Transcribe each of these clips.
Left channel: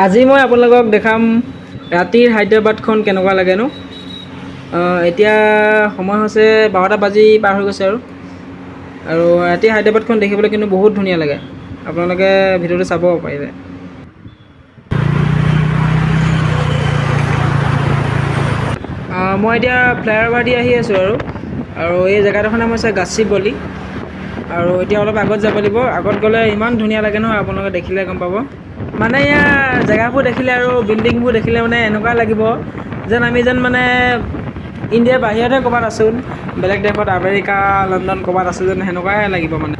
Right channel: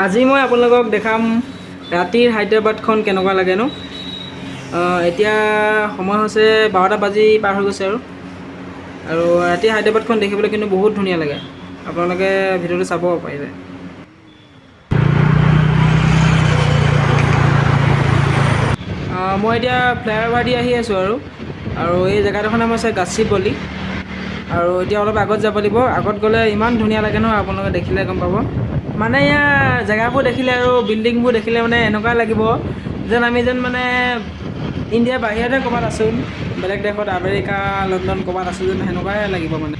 আজি মই আপোনালোকক দেখাম ৰাতিৰ হায়দৰাবাদখন কেনেকুৱা লাগেনো। এতিয়া সময় হৈছে 12টা বাজি পাৰ হৈ গৈছে আৰু ৰাতি হায়দৰাবাদখন দেখিবলৈ কিন্তু বহুত ধুনীয়া লাগে। আপোনালোকে ভিডিঅ'টো চাব পাৰিলে। মই এতিয়া ফ্লাইঅভাৰ দি আহি আছোঁ আৰু এই জেগাডোখৰ নাম হৈছে গাচিবৌলি। আৰু এতিয়া অলপ আগত যাব লাগিব। আগত গ'লে ইমান ধুনীয়া লাগে নহয়, আপোনালোকে দেখিলে গম পাব। মানে ইয়াৰ জেগাবোৰ দেখিলে আৰু বিল্ডিংবোৰ দেখিলে মানে এনেকুৱা লাগিব যেন আমি মানে ইণ্ডিয়াৰ বাহিৰতহে ক'ৰবাত আছোঁ, বেলেগ দেশত আমেৰিকা, লণ্ডন ক'ৰবাত আছোঁ যেন সেনেকুৱাই লাগিব মানে।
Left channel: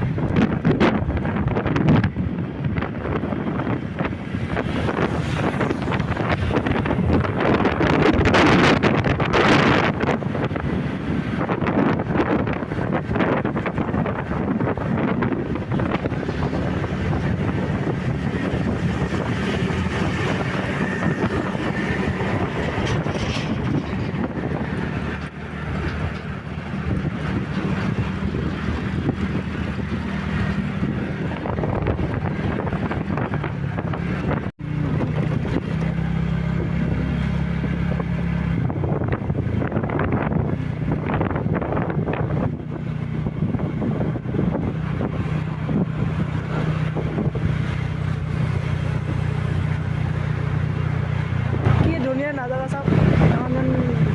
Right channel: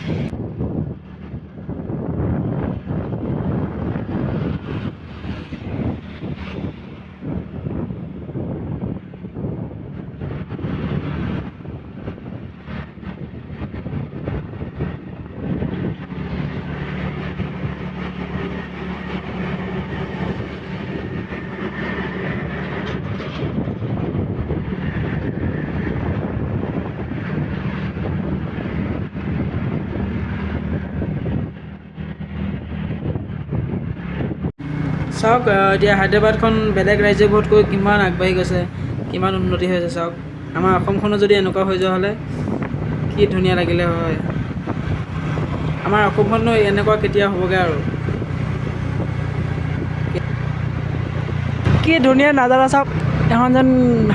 চাওক এতিয়া হায়দৰাবাদখন বেলেগ ৰাজ্যবোৰতকৈ কিমান আগবাঢ়ি গৈছে, কিমান উন্নতি হৈছে চাওক। আমাৰ অসমখনো যদি এনেকুৱা হৈ যোৱা হ'লে কি ধুনীয়া লাগিলে হয়। আমাৰ অসমখনো এনেকুৱা কেতিয়া হ'বগৈ আৰু। কি ধুনীয়া নাজাৰা চাওক, এখন যেন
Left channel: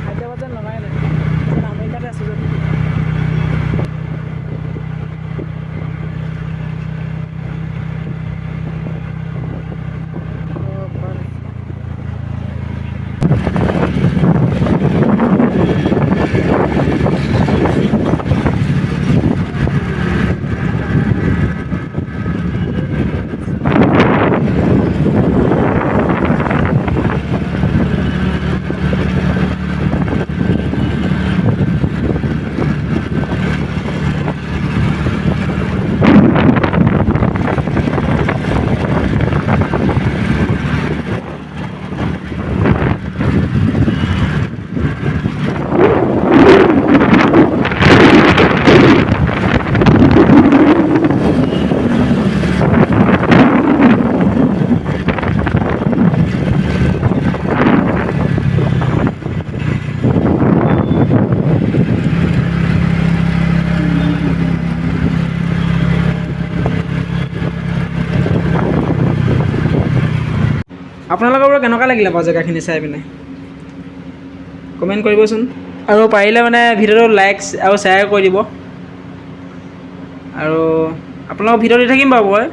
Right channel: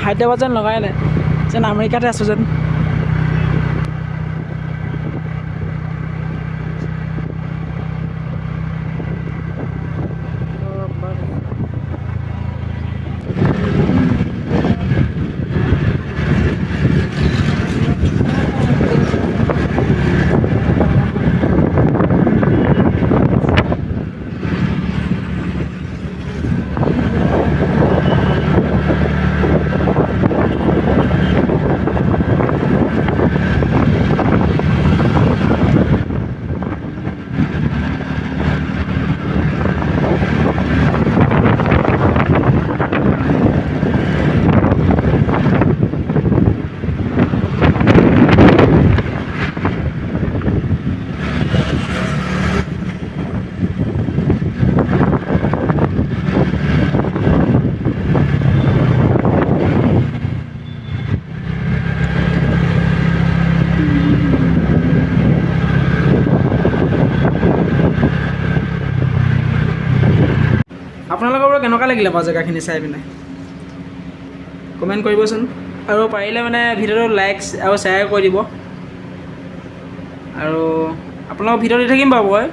হায়দৰাবাদ যেন লগাই নাই, যেন আমেৰিকাতে আছোঁ যেন। আপোনালোকৰ বাৰু কেনেকুৱা লাগিলে বাৰু জেগাখিনি চাই পিনে কমেণ্ট কৰিবচোন। আৰু পাৰিলে মানে ভিডিঅ'টো লাইক আৰু শ্বেয়াৰ কৰি দিব। আৰু আপোনালোকক ভিডিঅ' দি থাকিম বাৰু মই,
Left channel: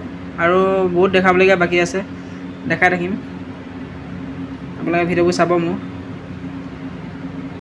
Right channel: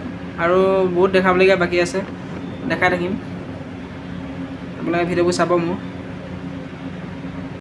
আৰু বহুত দেখাবলগীয়া বাকী আছে, দেখাই থাকিম। আপোনালোকে ভিডিঅ'বোৰ চাব মোৰ।